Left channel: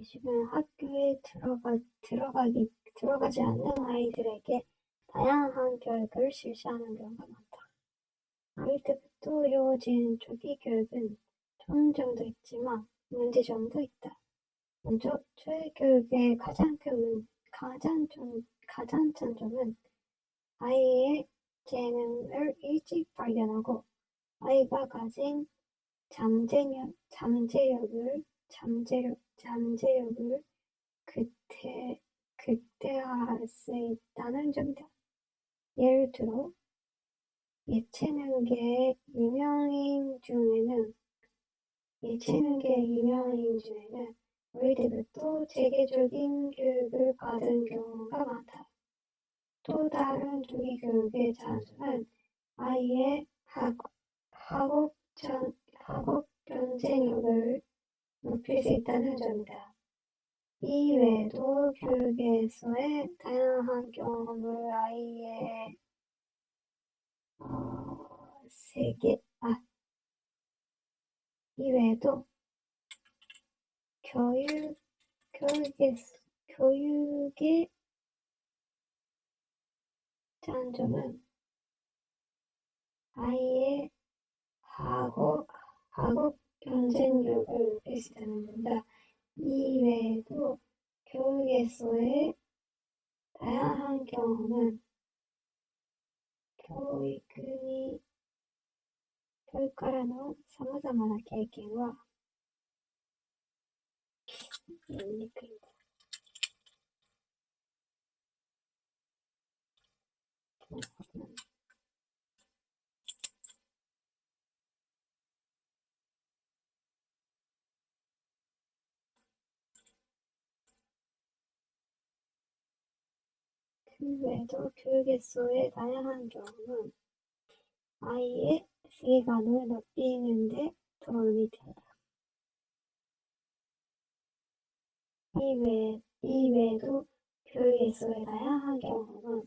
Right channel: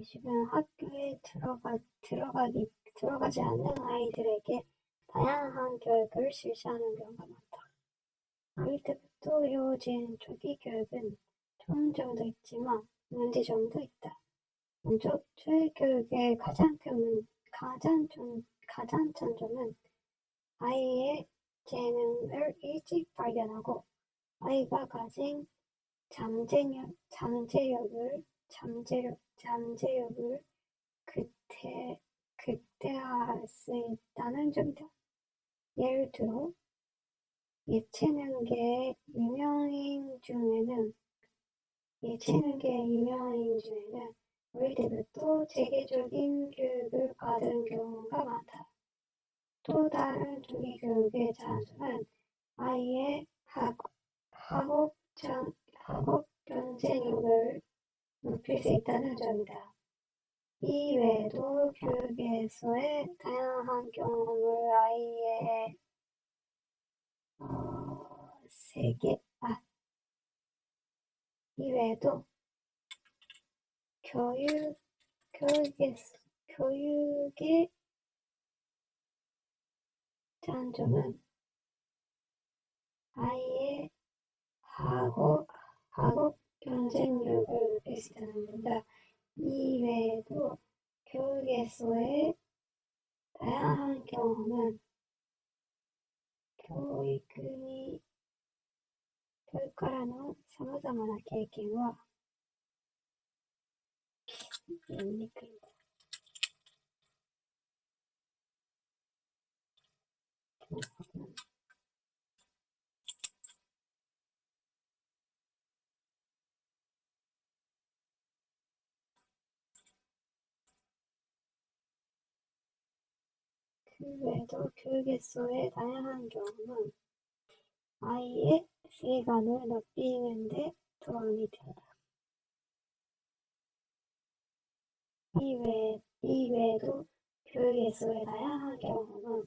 요즘은 학교에 들어가지 않는 아이들에게 다양한 교육을 실시하는 경우가 많다. 어릴 때부터 이루어진 조기 교육은 좋은 점도 있지만 문제점도 있다. 먼저 조기 교육의 가장 큰 점은 아이의 재능을 일찍 발견하고 아이가 가진 잠재력을 극대화할 수 있다는 점이다. 예를 들어 예체능계의 유명인 중에는 어릴 때부터 체계적인 교육을 받은 경우가 많다. 또 다른 조기 교육의 장점은 아이의 학업 경쟁력을 높일 수 있다는 점이다. 이 외에도 교육에서의 다양한 경험을 아이의 이 외에도 교육의 장점은 아이의 학업 경쟁력을 높일 수 있다는 점이다. 이 외에도 교육에서의 다양한 경험은 교육からのさまざまな経験は그 외에도 교육에서의 다양한 경험은 아이의 세계관을 넓히는 데 도움이 된다. 이 외에도 교육에서의 다양한 경험은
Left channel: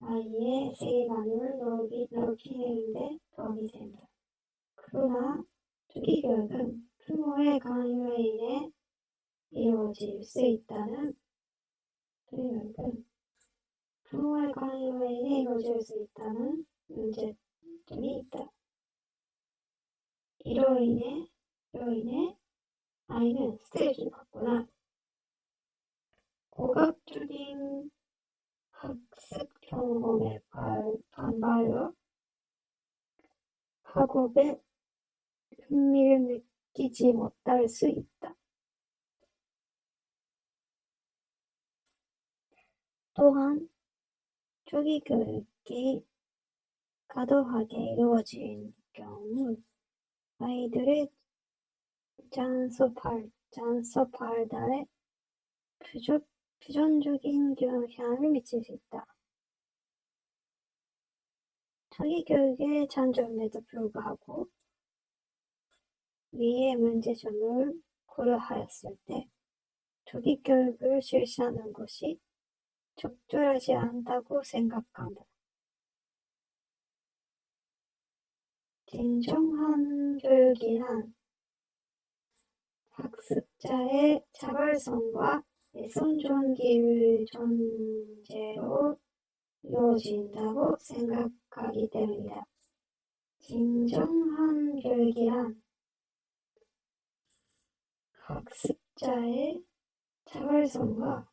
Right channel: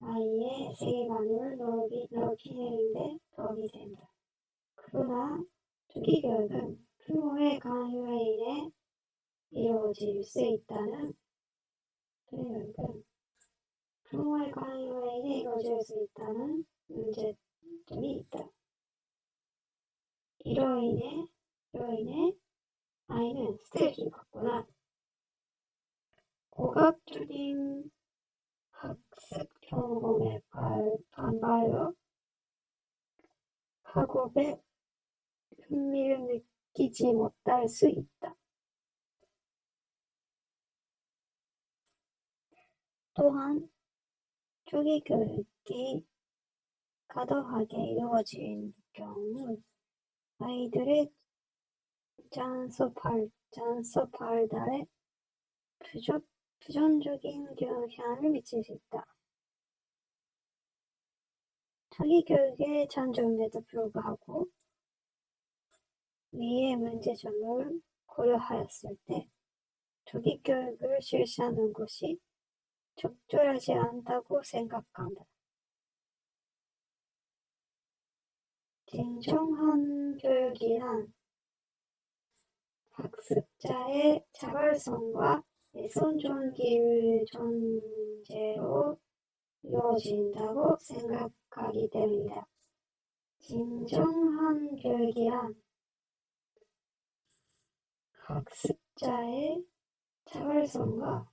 아이의 세계관을 넓히는 데 도움이 된다. 그러나 조기 교육은 부모의 강요에 인해 이루어질 수 있다는 문제점이 있다. 이로 인해 아이는 스트레스를 받거나 고압적인 학습 경험에 반발로 학업에 흥미를 느끼지 못할 수 있다. 또한 조기 교육이 과도하게 이루어진 경우 아이들의 장소 발달에 부정적인 영향을 미칠 수 있다. 조기 교육의 장점에도 불구하고 위의 문제점을 고려하였을 때 조기 교육을 실시하는 것이 적절하지 않다고 생각한다. 진정한 교육이란 학습자의 자발성과 내성존기를 전제로 이루어진다고 생각하기 때문이다. 진정한 교육이란 학습자의 자발성과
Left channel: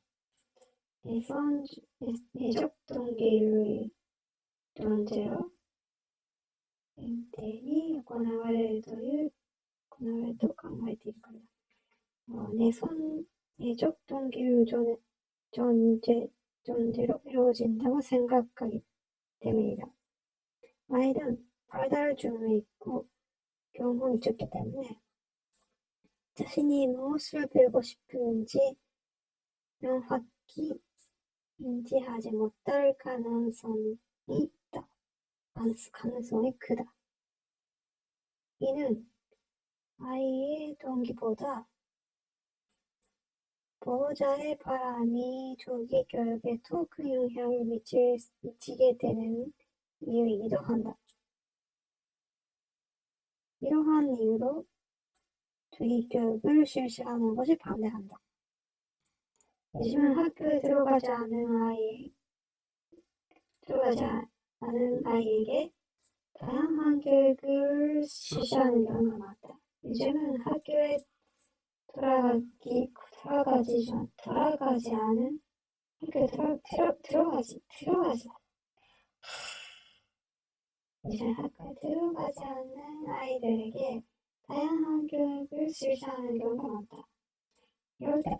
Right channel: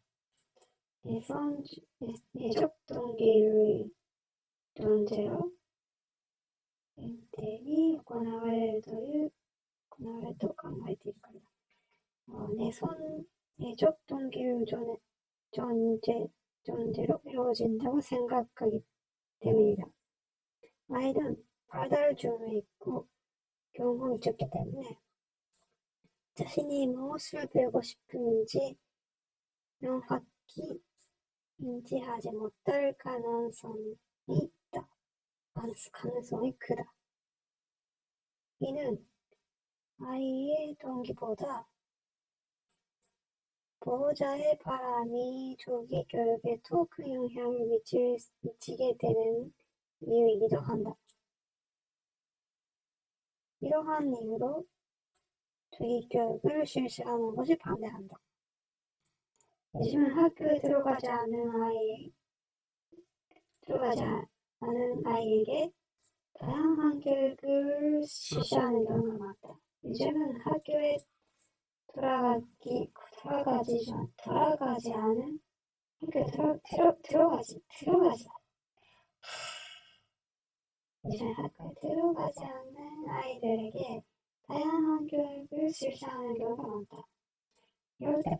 내적 동기를 전제로 に行われると考えているからだ。내적 동기를 전제로 이루어진다고 생각하기 때문이다. 아이는 발달 중에 있고 경험이 적기 때문에 자신이 무엇을 배우고 싶은지 명확히 인지하지 못할 가능성이 크다. 이는 아이의 동기보다 보호자의 바람이 조기 교육에 더 큰 영향을 미치게 되는 이유이기도 한다. 이러한 이유로 조기 교육을 실시하는 것이 반대한다. 요즘은 학교에 들어가지 않은 아이에게 다양한 교육을 실시하는 경우가 많다. 요즘은 학교에 들어가지 않은 학교에 요즘 학교에 들어가지 않는 아이들에게 다양한 교육을 실시하는 경우가 많다. 이럴 때,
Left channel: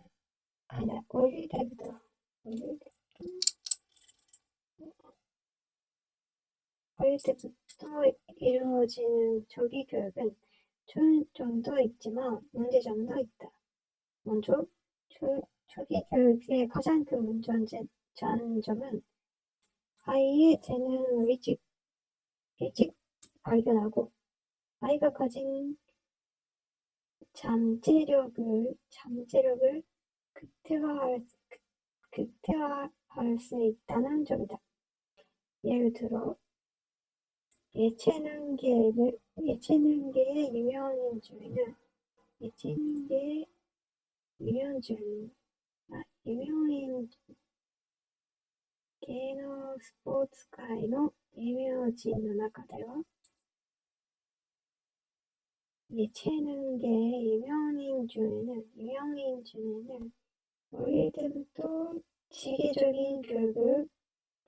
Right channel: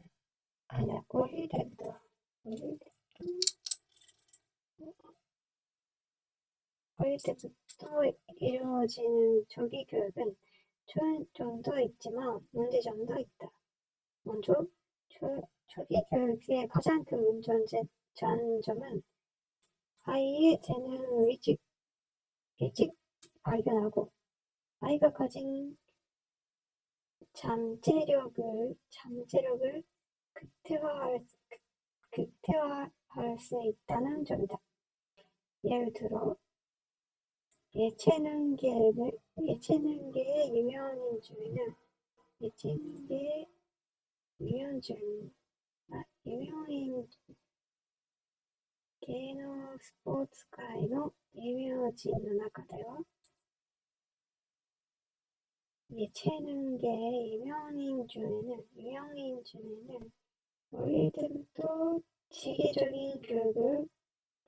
아니야, 어릴 때부터 이루어지는 조기 교육은 좋은 점도 있지만 문제점도 있다. 먼저, 조기 교육의 가장 큰 장점은 아이의 재능을 일찍 발견하고 아이가 가진 잠재력을 극대화할 수 있다는 점이다. 예를 들어 예체능계의 유명인芸能スポーツ界の有名人の中では예체능계의 유명인 중에는 어릴 때부터 지계적인 교육을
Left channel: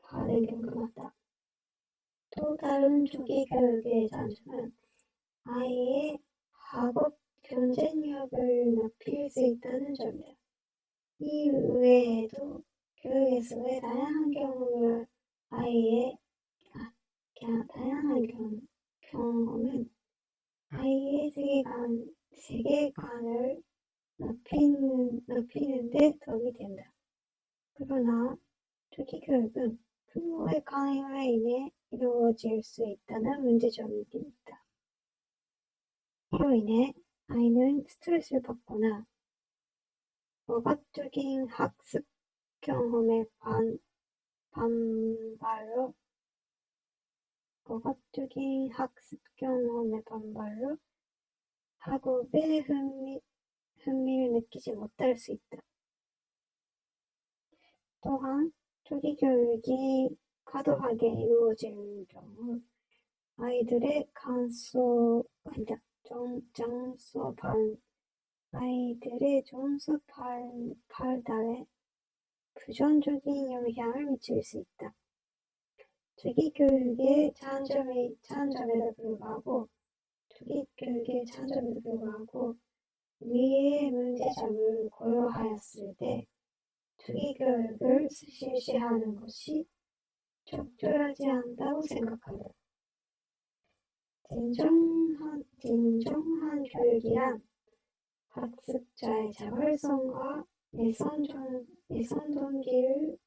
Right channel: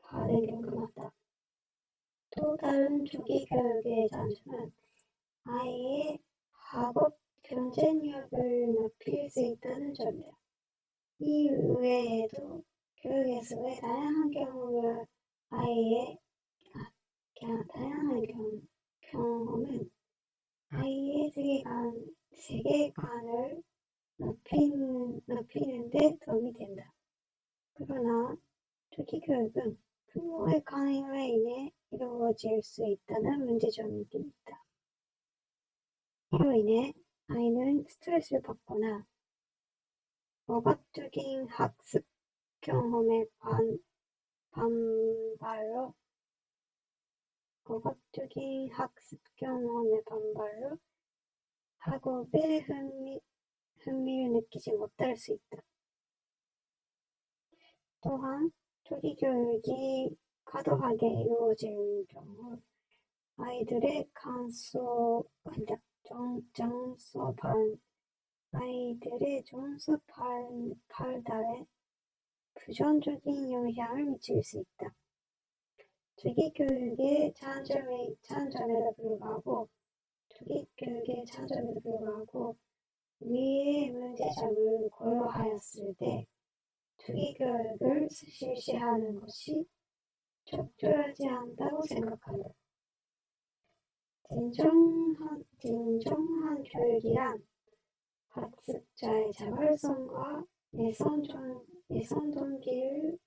받은 경우가 많다. 또 다른 조기 교육의 장점은 아이의 학업 경쟁력을 높일 수 있다는 점이다. 이 외에도 교육에서의 경험은 아이의 세계관을 높이는 데 도움이 된다. 그러나 조기 교육은 부모의 강요로 인해 이루어질 수 있다는 문제점이 있다. 이로 인해 아이는 스트레스를 받거나 억압적인 학습 경험의 반발로 학업에 흥미를 느끼지 못할 수 있다. 또한 조기 교육이 과도하게 이루어질 경우 아이들의 정서 발달에 부정적인 영향을 미칠 수 있다. 조기 교육의 장점에도 불구하고 위의 문제점을 고려하였을 때 조기 교육을 실시하는 것이 적절하지 않다고 생각한다. 진정한 교육이란 학습자의 자발성과 내성 동기를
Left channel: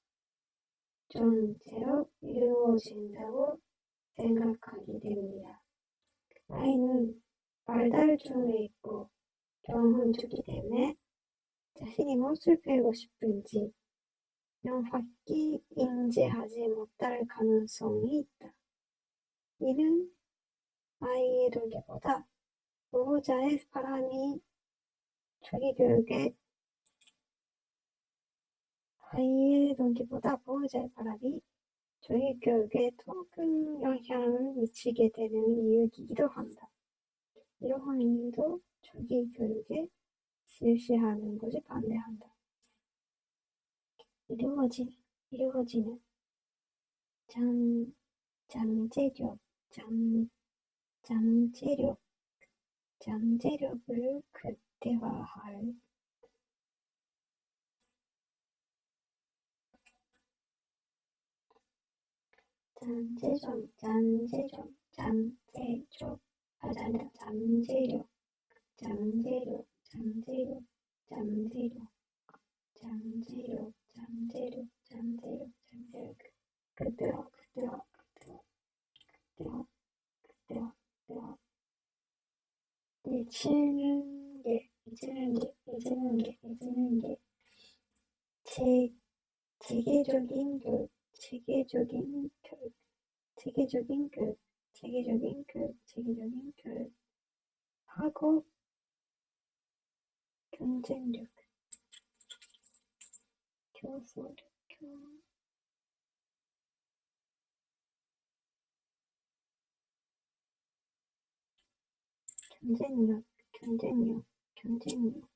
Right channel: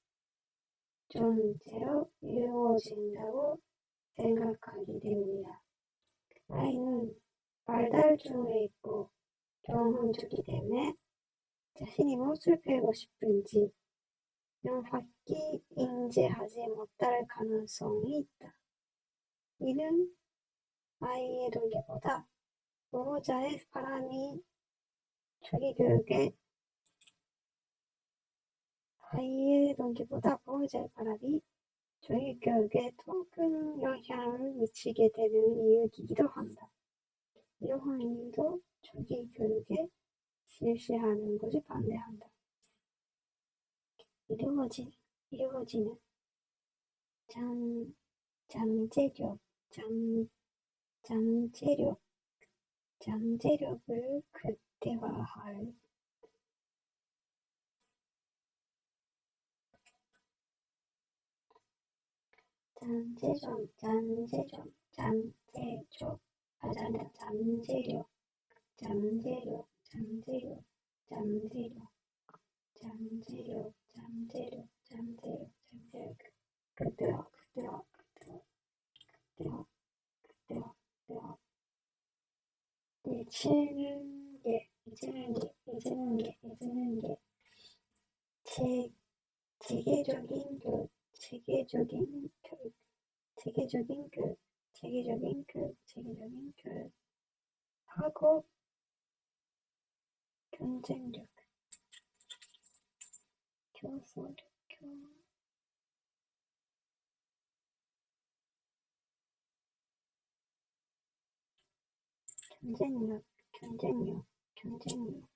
전제로 이루어진다고 생각하기 때문이다. 아이는 발달 중에 있고 경험 중이기 때문에 자신이 무엇을 배우고 싶은지 명확히 인지하지 못할 가능성이 있다. 이는 아이의 동기보다 보호자의 바람이 조기 교육에 더 큰 영향을 미치게 되는 이유이기도 한다. 이러한 이유도 조기 교육에 실시하는 것이 반대한다. 이루어지는 잠재력을 극대화할 극대화 예체능계 체계적인 교육 학업 경쟁력, 교수력, 경쟁력,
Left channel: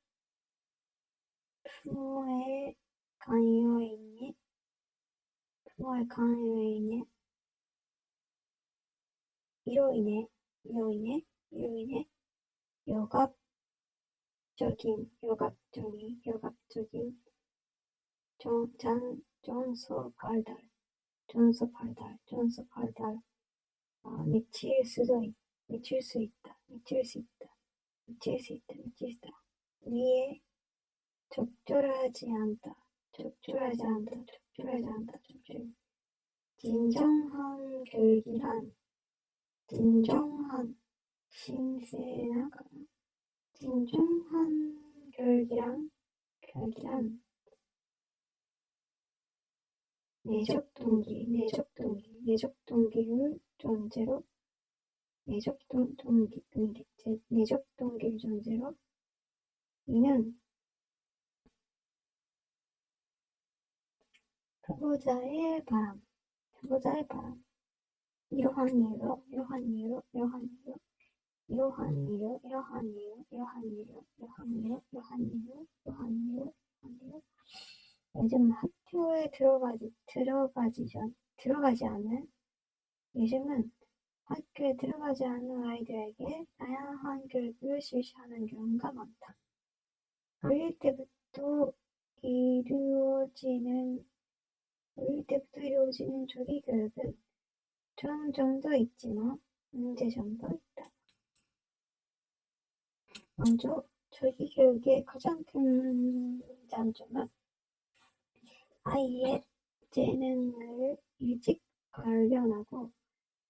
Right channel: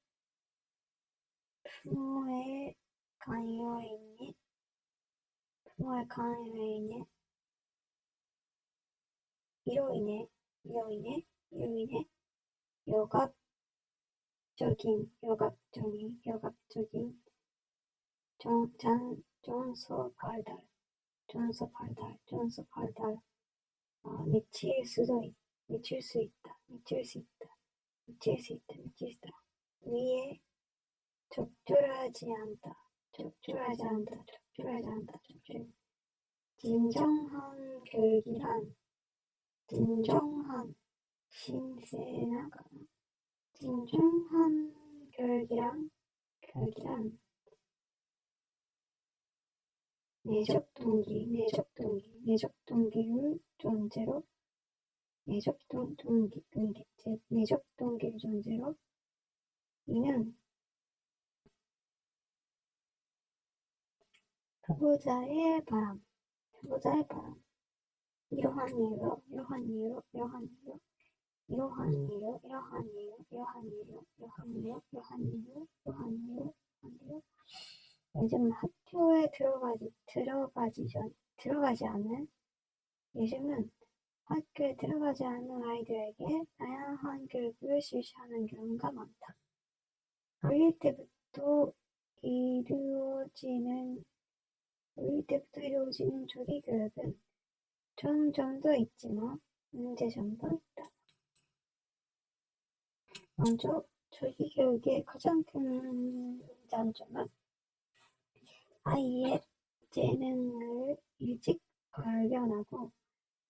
부모의 강요에 인해, 이로 인해, 요각적인 전소 발달, 미칠 수 있다. 위에 적절하지 않다. 진정한 교육이란 내적 동기를 전제로 이는 보호자의 바람. 이러한 이유로 요즘 학교에 들어가지 않는 아이들에게 다양한 교육을 실시하는 경우가 많다. 어릴 때부터 이루어지는 조기 교육은 좋은 점도 있지만 문제점도 있다. 먼저 조기 교육의 가장 큰 장점은 아이의 재능을 일찍 발견하고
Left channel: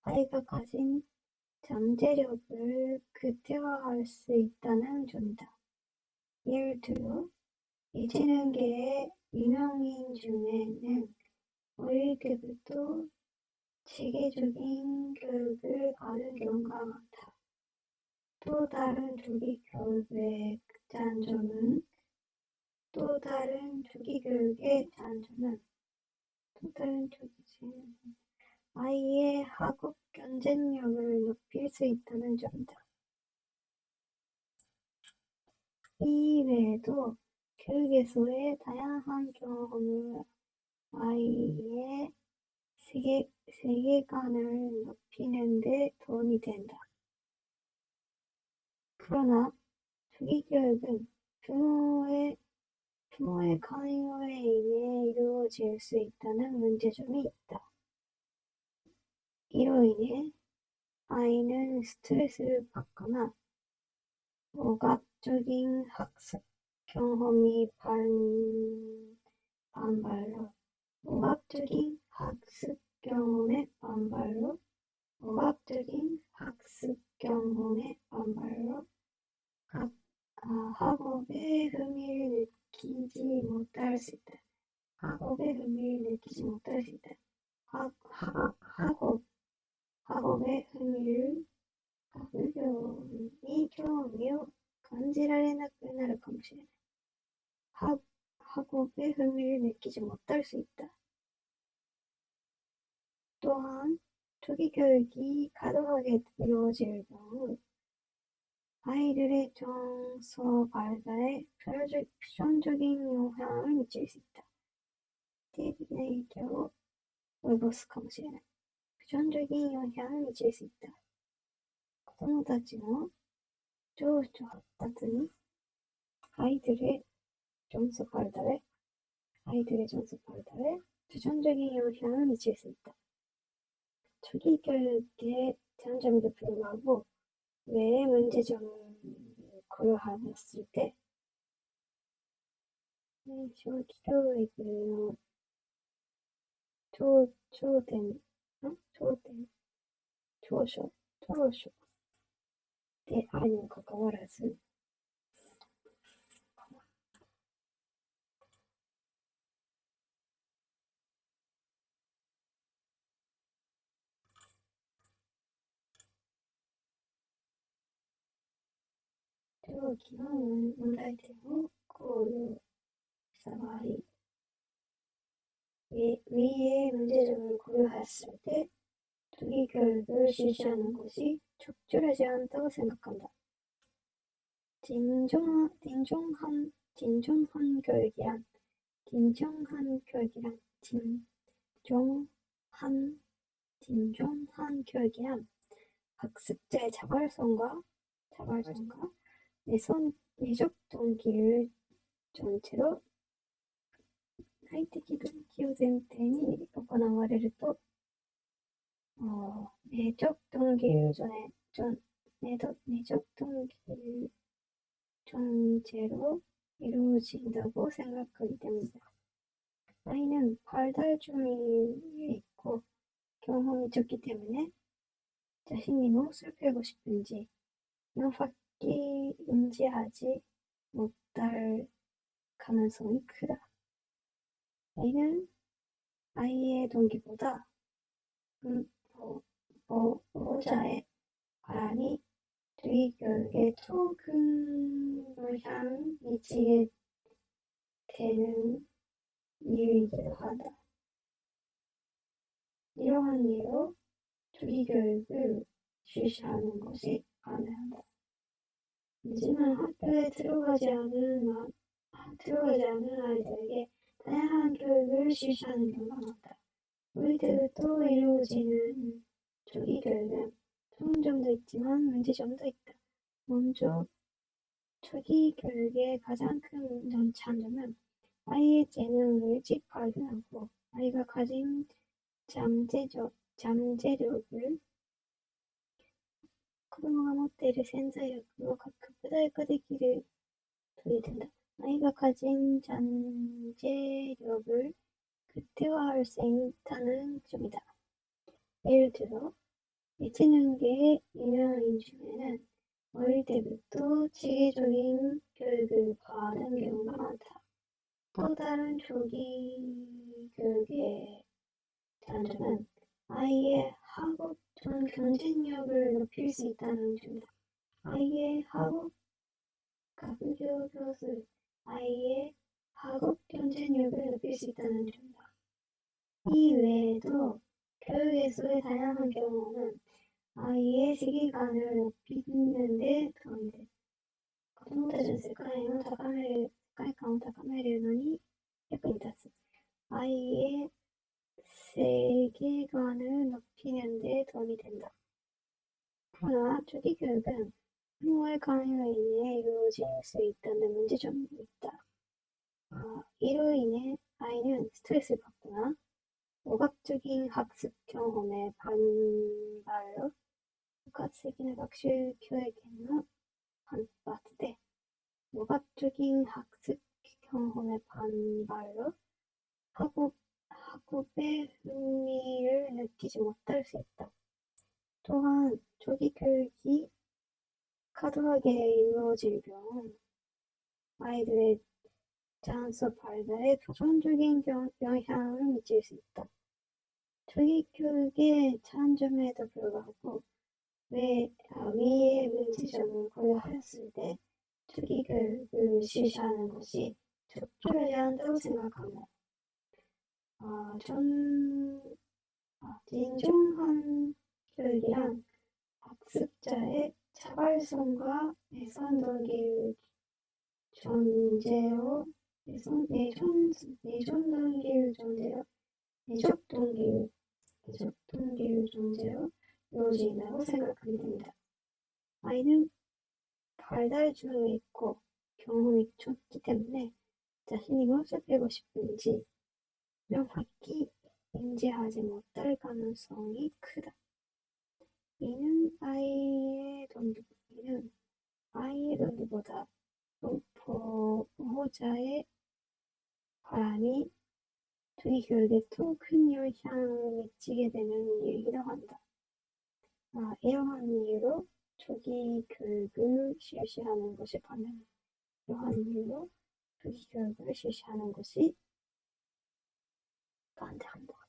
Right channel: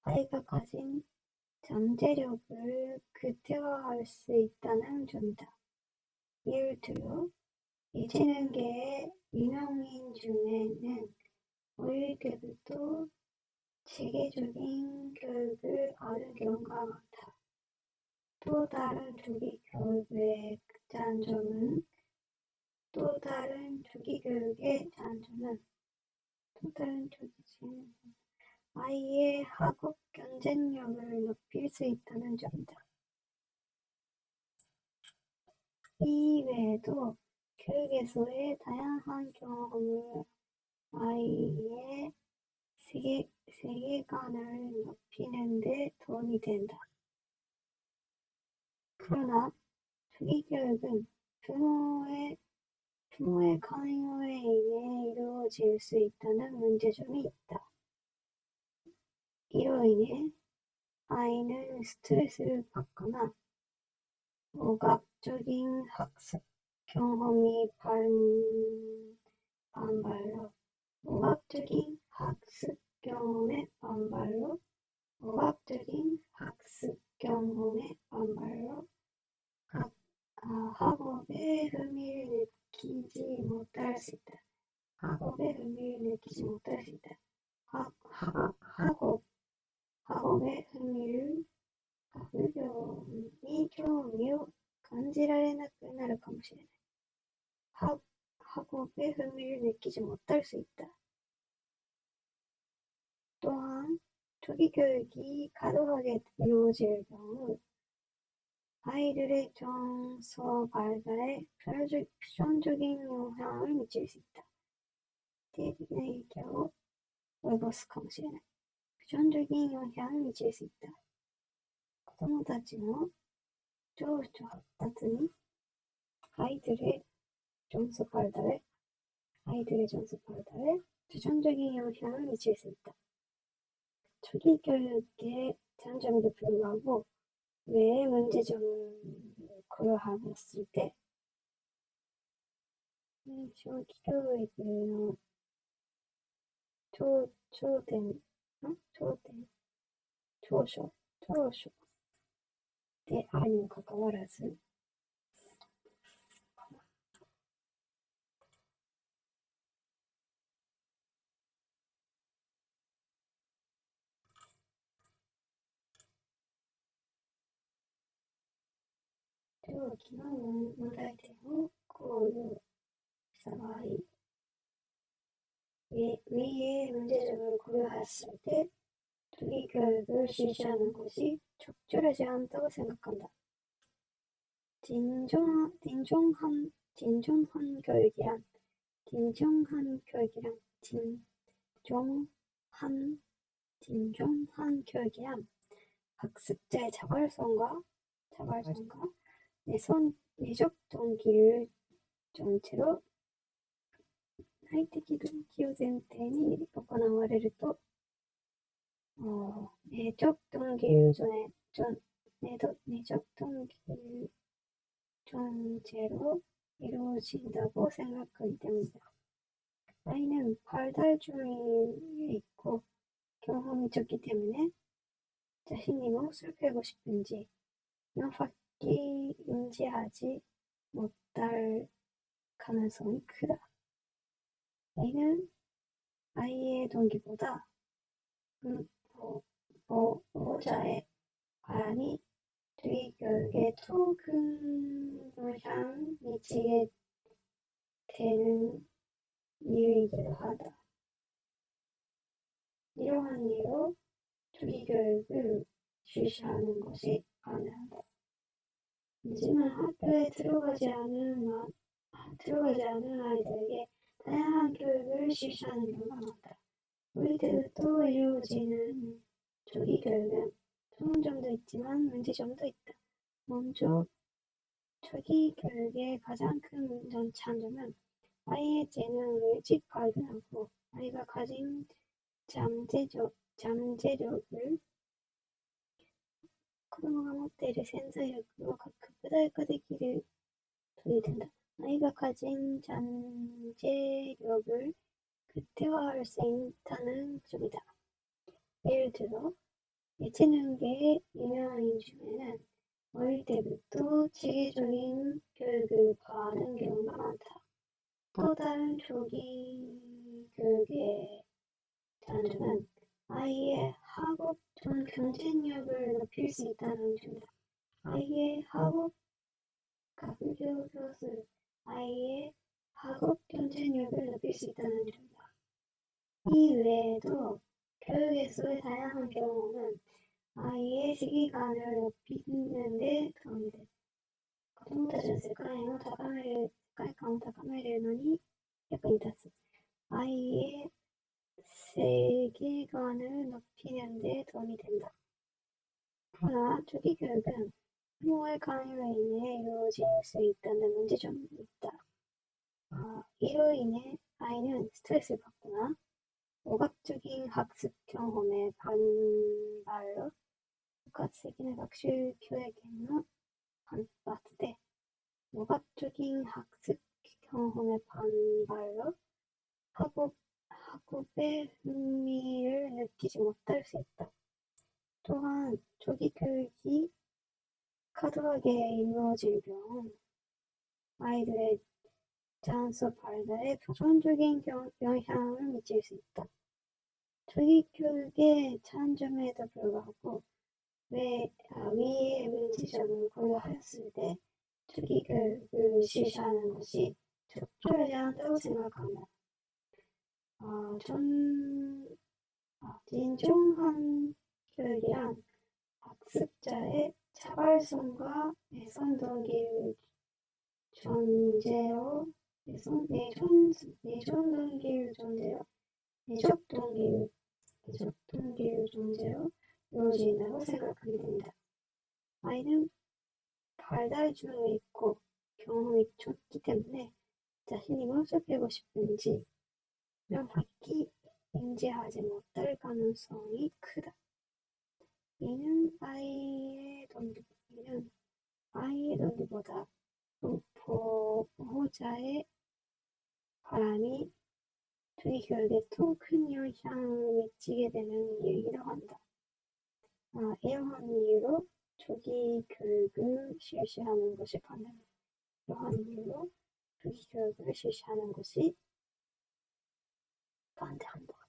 아이가 가진 잠재력을 극대화할 수 있다는 점이다. 예를 들어 예체능계의 유명인 중에는 어릴 때부터 체계적인 교육을 받은 경우가 많다. 또 다른 조기 교육의 장점은 아이의 학업 경쟁력을 높일 수 있다는 점이다. 이 외에도 교육에서의 다양한 경험을 아이의 세계관을 높이는 데 도움이 된다. 그러나 조기 교육은 부모의 강요에 의해 이루어질 수 있다는 문제점이 있다. 이로 인해 아이는 스트레스를 받거나 오감적인 학습 경험이 반발로 학업에 흥미를 느끼지 못할 수 있다. 학업에興味を感じられなくなるかもしれない。학업에 흥미를 느끼지 못할 수 있다. 또한 조기 교육이 과도하게 이루어질 경우 아이들의 정서 발달에 부정적인 영향을 미칠 수 있다. 定的な影響を及ぼすかもしれない。부정적인 영향을 미칠 수 있다. 子供たちの情緒発達に아이들의 정서 발달에 부정적인 영향을 미칠 수 있다. 조기 교육의 장점에도 불구하고 왜 문제점을 고려해봤을 때 조기 교육의 초쇼であるにもかかわらず時の問題点を考慮した場合、위의 문제점을 고려했을 때 조기 교육을 실시하는 것이 적절하지 않다고 생각한다. 진정한 교육이란 학습자의 자발성과 내적 동기를 전체로内的動機を前提に行われると、내적 동기를 전제로 이루어진다고 생각하기 때문이다. 아이는 발달 중에 있고 경험이 적기 때문에 자신이 무엇을 배우고 싶은지 명확히 인지하지 못할 가능성이 크다. 아이는 아이의 동기보다 보호자의 바람이 조기 교육에 더 큰 영향을 미치게 되는 이유이기도 하다. 이러한 이유로 조기 교육을 실시하는 것이 가능하다. 하지만 학교에 들어가지 않은 아이들에게 다양한 교육을 실시하는 경우가 많다. 우리 때부터 이루어지는 조기 교육은 좋은 점도 있지만 문제점도 있다. 먼저 조기 교육의 가장 큰 장점은 아이의 재능을 일찍 발견하고 아이가 가진 잠재력을 子供が持っている潜在力を核砕化できる鳥된다. 아이가 가진 잠재력을 극대화할 수 있다는 점이다. 예를 들어 예체능계의 유명인 중에는 어릴 때부터 체계적인 교육을 받은 경우가 많다. 또 다른 조기 교육의 장점은 아이의 학업 전 경쟁력을 높일 수 있다는 점이다. 아이의 학업 경쟁력을 높일 수 있다는 점이다. 이 외에도 교육에서의 다양한 경험은 아이의 세계관을 높이는 데 도움이 된다. 子供たちの世界観を高めるのに役に立つ。아이의 세계관을 높이는 데 도움이 된다. 그러나 조기 교육은 부모의 강요로 인해 이루어질 수 있다는 문제점이 있다. 이로 인해 아이는 스트레스를 받거나 오각적인 학습 경험에 반발로 部活的な学習教育の反発で오각적인 학습 경험에 반발로 학업에 흥미를 느끼지 못할 수 있다. 또한 조기 교육이 과도하게 이루어질 경우 아이들의 자연수 발달에 부정적인 영향을 미칠 수 있다. 조기 교육의 장점에도 불구하고 위의 문제점을 고려하였을 때 조기 교육을 실시하는 것이 적절하지 않다고 생각합니다. 진정한 교육이란 학습자의 자발성과 내적 동기를 전제로 이루어진다고 생각하게 됩니다. 아이는 발달 중에 있고 경험이 적기 때문에 자신이 무엇을 배우고 싶은지 명확히 인지하지 못할 가능성이 크다. 이는 아이의 동기보다 보호자의 바람이 조기 교육에 더 큰 영향을 미치게 되는 이유이기도 한다. 이러한 이유로 조기 교육을 실시하는 것이 반대한다. 이러한 이유로 조기 교육을 실시하는 것이 반대한다.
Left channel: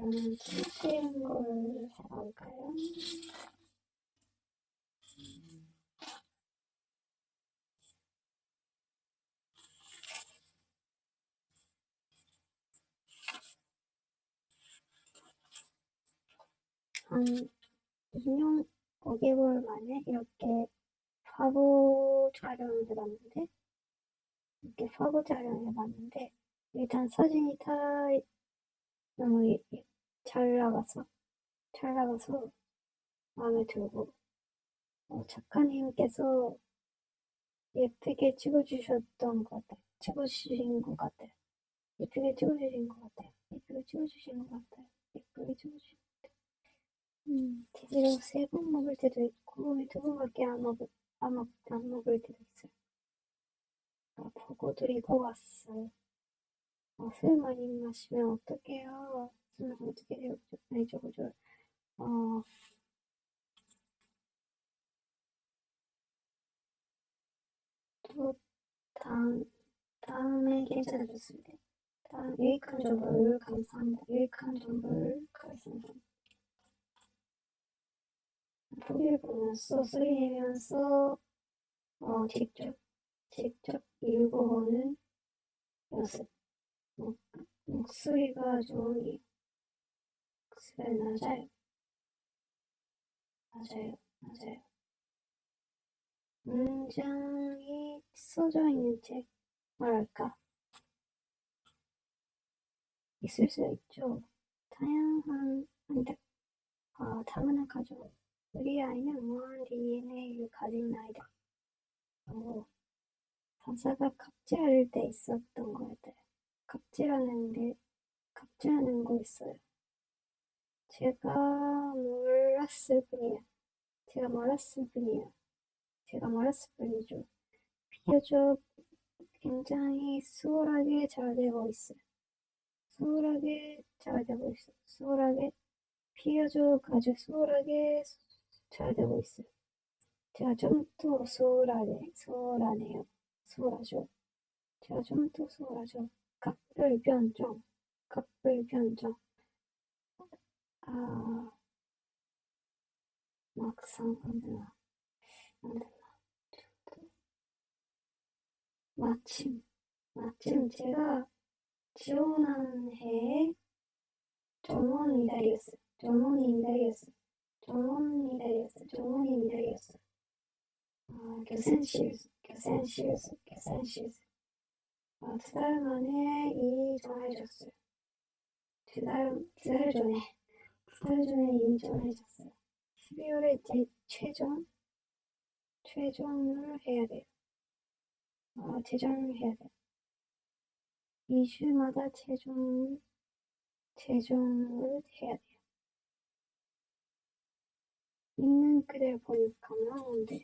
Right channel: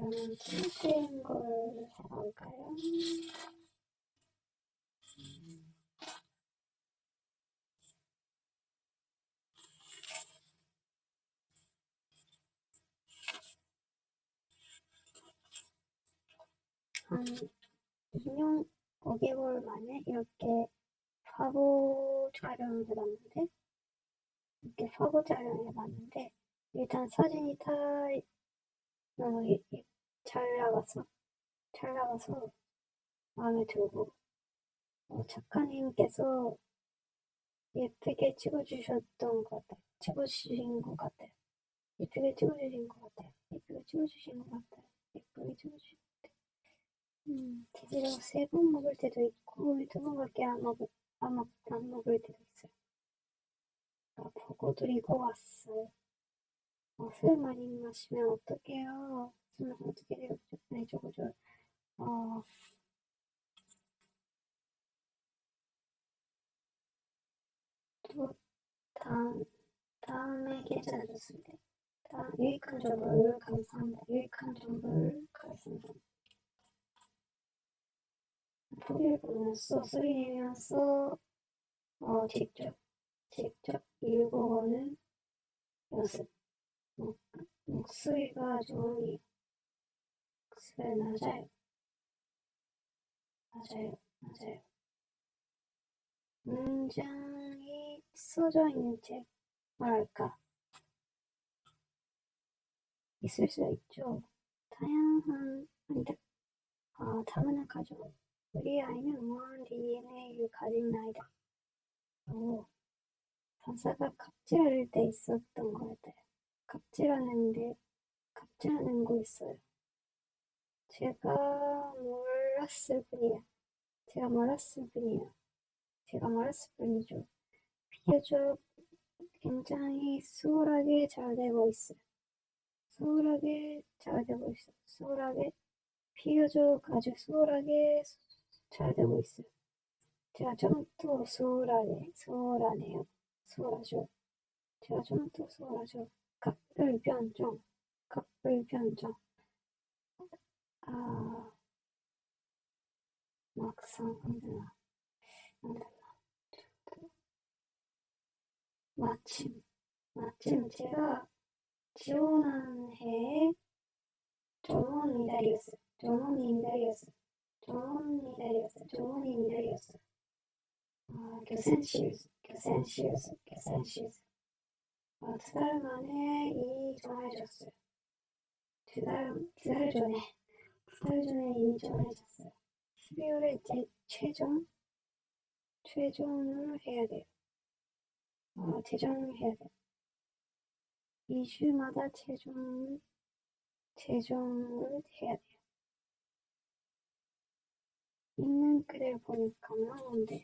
그러면 틀린 걸 해볼까요? 한 2년 5개월 만에 이렇게 화보 촬영을 해봤는데, 일단 사진이 다 너무 잘 나가서 마음에 들고, 작가님께서 예쁘게 찍어주셨던 것 같아요. 찍어주신 것 같아요. 예쁘게 찍어주신 것 같아요. 예쁘게 찍어주신 것 같아요. 예쁘게 찍어주신 것 같아요. 제대로 3번 먹을 때도 있고 2번밖에 안 먹을 때도 있어요. 보고 드리고 왔어요. 술 많이 마시면 어떡해요? 술 마시면 어떻게 돼요? 아니 저거 또 다음에 괜찮아졌을 때 다음 유익한 정보를 감사합니다. 유익한 정보를 감사합니다. 포기를 보면서 소리 내면서 직접 읽어보는 연습. 목소리가 좋으니 목소리 맞아요. 문장이 써져 있는 책, 뭐랄까, 있을 수 있죠. 다문화 가족. 우리 아이는 우아한 DNA를 가진 아이다. 가사가 갑질할 때 있었던 것 같아요. 갑질하는 거 있어요. 제가 몰랐을 뿐이야. 제가 몰랐을 뿐이죠. 비교적 굉장히 수월하게 잘 되고 있어요. 비교적 아주 수월하게 잘 되고 있어요. 제가 좀 더 수월하죠. 제가 좀 더 수월하죠. 갑을 변종. 아, 막상 안 되나. 마침 제가 지원한 해에 조문이 달렸어요. 교센시우스. 2달 만에 인정해줬어요. 2달 전에 인정해줬어요. 12월에 최종을 해야 돼요. 최종을 해야 돼요. 2주마다 최종을 해야 돼요. 있는 그대로 보니까 나오는데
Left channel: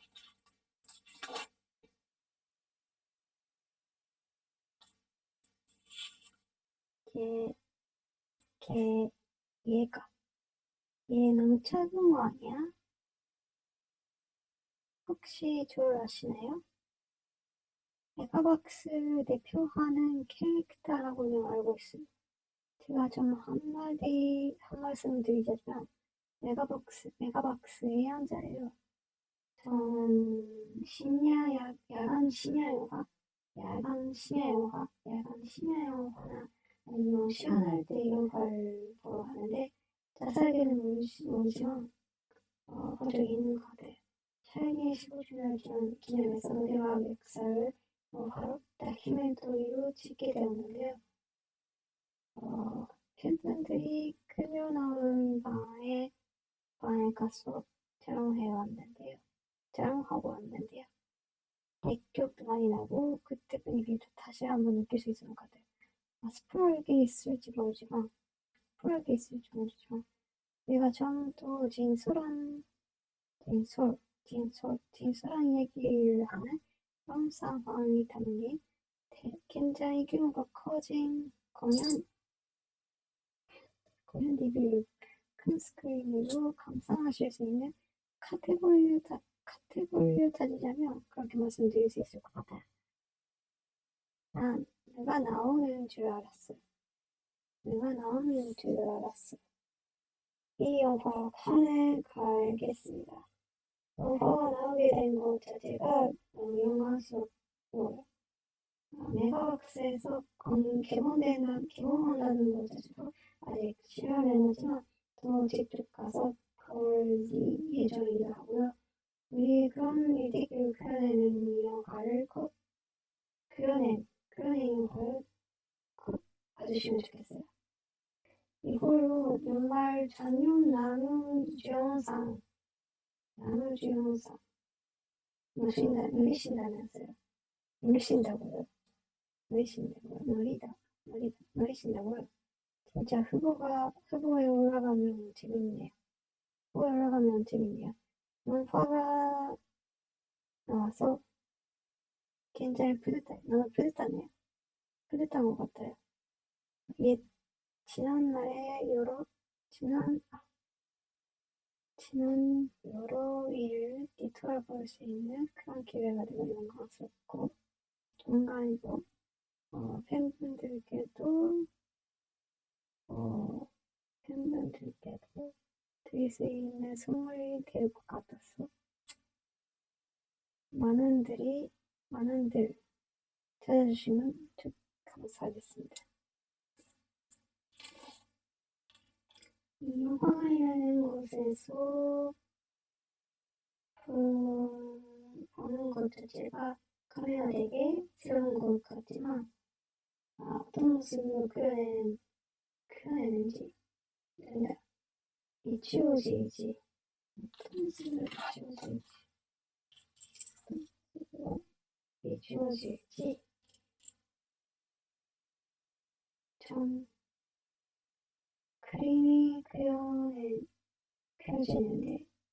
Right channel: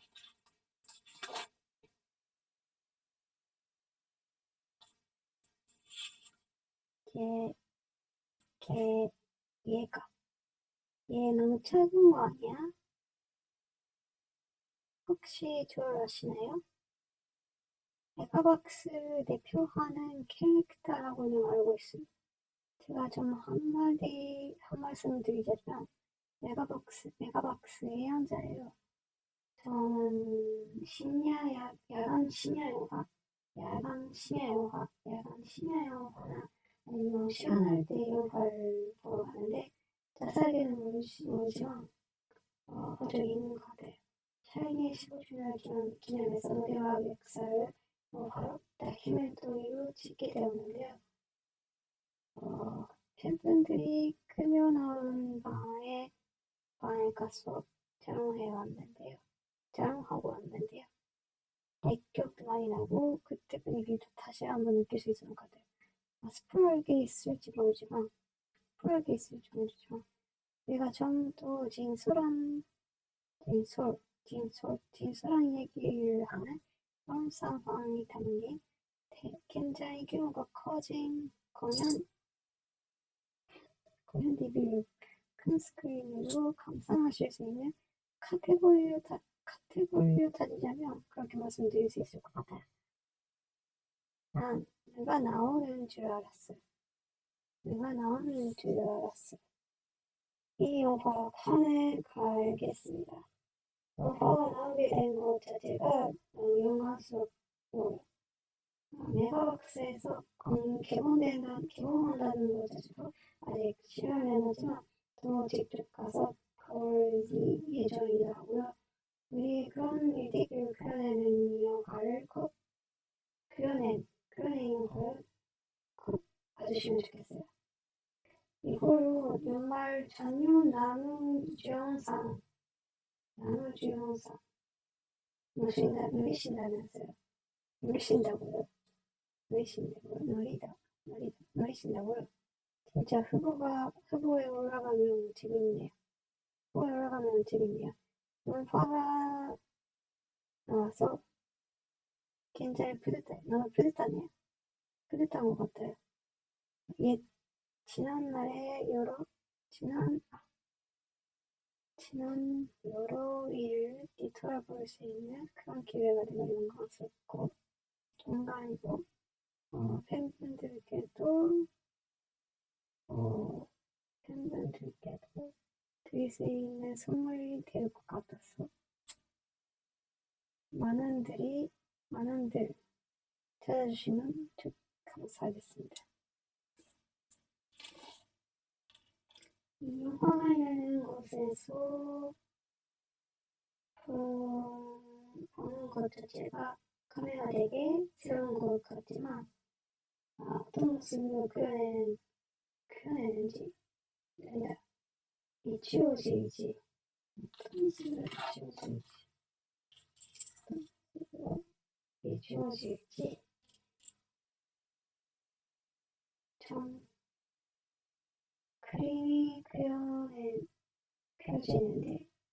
얘 너무 작은 거 아니야? 혹시 저 아시나요? 메가박스 대표하는 캐릭터라고는 알고 있어요. 제가 좀 한 말씀 드리자면 메가박스의 연자예요. 저는 야간 심야 영화나 아니면 시간 날 때 이런 걸 보러 가는데 자세하게는 모르지만 본 적이 있는 것 같아요. 샤이니의 15주년 기념해서 노래와 역사를 바로 다큐멘터리로 찍게 되었는데요. 팬분들이 끌려나온 방에 가서 촬영하고 왔는데요. 기억도 많이 나고 그때 분위기도 다시 한번 느낄 수 있을 것 같아요. 스포일게 있을지 모르지만 우리가 처음부터 진솔한 얘기를 하는 그런 상황이 담긴 굉장히 규모가 커진 공연 DVD를 큰 스크린으로 감상하실 수 있는 카테고리로 따지자면 그렇게 말씀드릴 수 있을 것 같아요. 난 누가 나오는 줄 알았어. 이 영화 칸에 가겠습니다. 영화가 나오게 된 것 자체가 영화 속 메가박스에서 개봉한다는 것 자체도 아직 실현은 하지만 또 직접 가서 볼 예정이더라고요. 우리 그런 일들을 그려내는 영화를 꼭 그려낸 영화를 꼭 봐주시면 좋겠어요. 이걸로 연말 전용 남우주연상 노리신다면서요. 노리신다고요. 노리신다고요. 진짜 후보에 올라가면 재밌네요. 화가 나와서 굉장히 뿌듯하네요. 뿌듯한 것 같아요. 예, 지난 여러 일을 뒤돌아볼 수 있는 그런 기회가 되면 영광스럽고, 동감이고, 팬분들께도, 어, 팬분들께도 드릴 수 있는 선물이 될 것 같아서, 많은들 찾아주시면 감사하겠습니다. 이 영화관이라는 곳에서 보는 것 자체가 카메라 되게 새로운 것 같지만 어떤 모습으로 그려내는지 비추어질지 어떤 모습으로 비추어질지 좀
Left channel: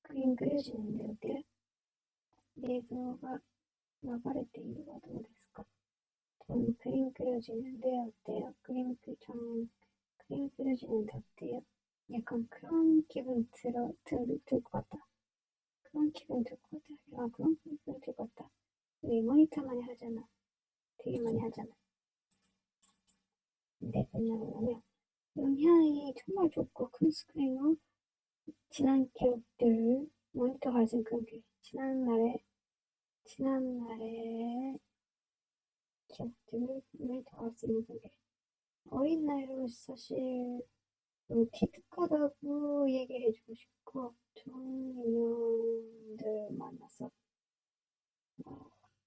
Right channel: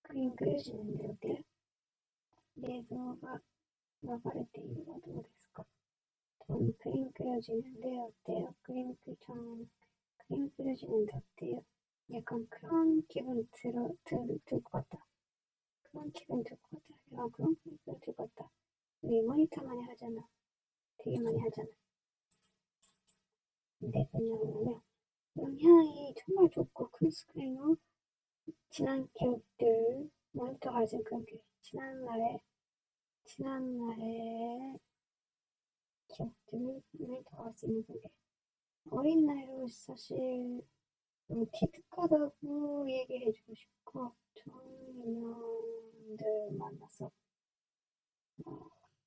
그림 그려지는데 어때요?映像が流れているはどうですか？그림 그려지는데 어때요? 그림 그려지는데 어때요? 약간 그런 기분 들 것 같다. 그런 기분 들 것 같아. 그런 기분 들 것 같다. 우리 모니터 많이 하잖아. 되게 많이 하잖아. 근데 왜냐면 음향이 정말 좋고 큰 스크린으로 지난 기억들 모니터 가진 그런 지난날의 기억들을 모니터 갈 수 있는 그게 어린 나이로 사실 기특하다고 얘기해주고 싶고 좋은 인연들 만나서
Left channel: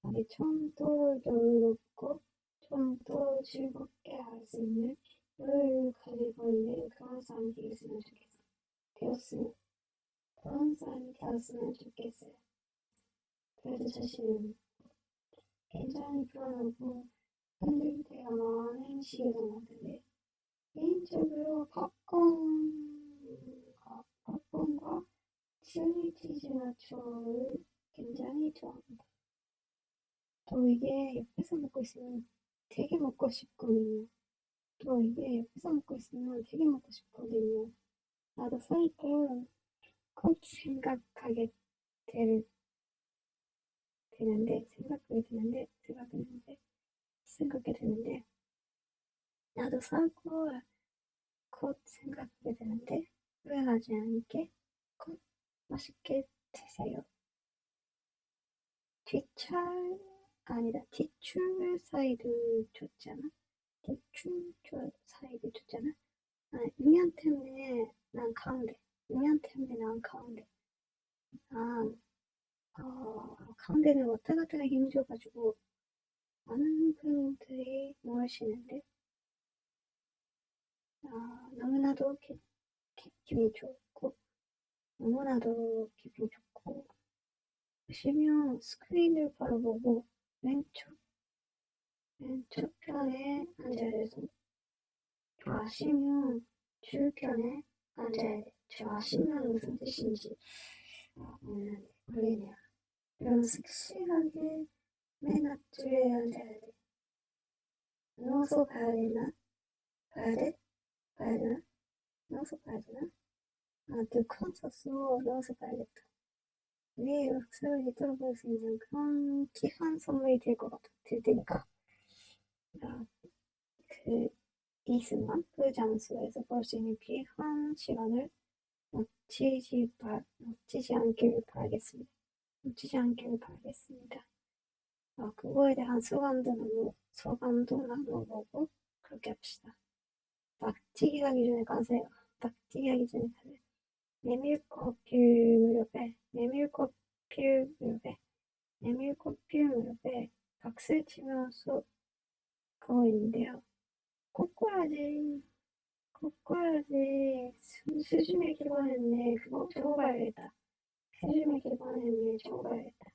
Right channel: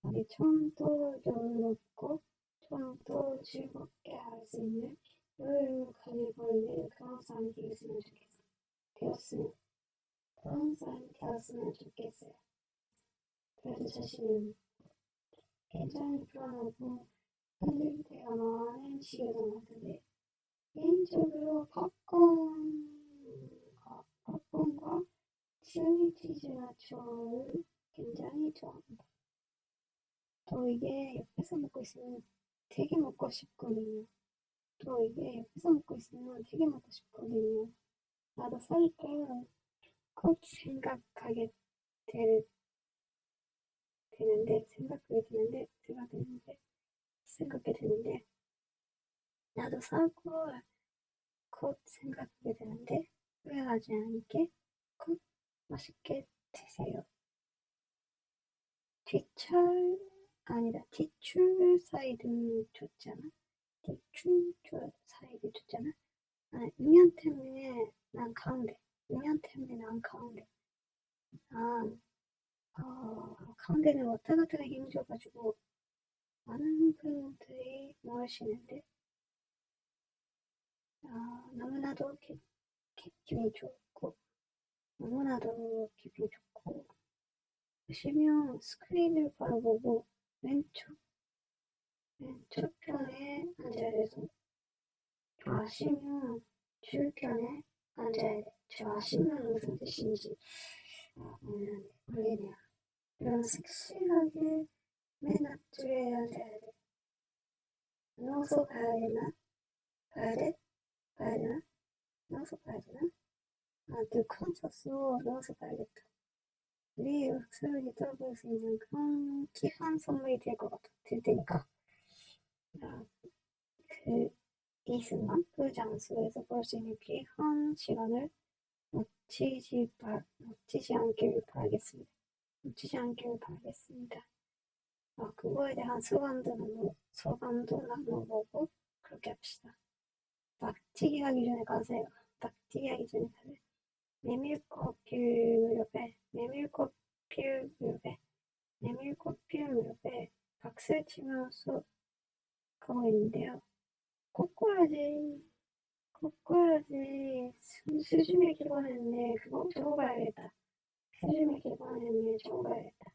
우리 처음도 여유롭고 처음도 즐겁게 할 수 있는 여유를 가지고 있는 그런 사람이 되었으면 좋겠어요. 그래서 자신은 굉장히 불안하고 흔들릴 때가 많은 시기였던 것 같은데 개인적으로 팝콘과 치즈 나초를 굉장히 좋아합니다. 또 이게 옆에서 먹고 있으면 되게 먹고 싶거든요. 나도 살까 꼭 생각하게 되는데, 나도 사고 곧 생각하게 되는데, 후회하지 않게 곧 맛있게 드세요. 뒷줄 사이드 줬잖아. 6년 때문에 난 가운데. 가운데는 왔다 갔다가 힘줘가지고 많은 분들이 모이시는데 너무나도 기분이 좋고 보시면 스크린을 바라보고 왼쪽 편에 앉아야 돼서 좋아하시면 줄편에 앉아야 돼. 좋아하시면 무슨 뜻인지 모르겠네요. 그럼 섹시하게 맨 앞줄에 앉아야 돼. 누워서 봐야 되나? 누워서 봐야 되나? 누워서 봐야겠다. 네 목소리 들어볼 수 있는 그런 귀한 선물이 될 테니까 이 순간 그 장소에서 볼 수 있는 귀한 시간을 놓치지 않기를 바라겠습니다. 놓치지 않기를 바라겠습니다. 그거에 대한 소감도 나눠보고 그렇게 합시다. 낙지기 가기 전에 가세요. 낙지기 가기 전에 가세요. 메밀꽃 필 무렵에 박수 치면서 그거 있는데요. 꼬꼬라지, 꼬꼬라지, 스즈메 기반했네. 그거 적어봐야겠다. 스즈메 기반했네. 적어봐야겠다.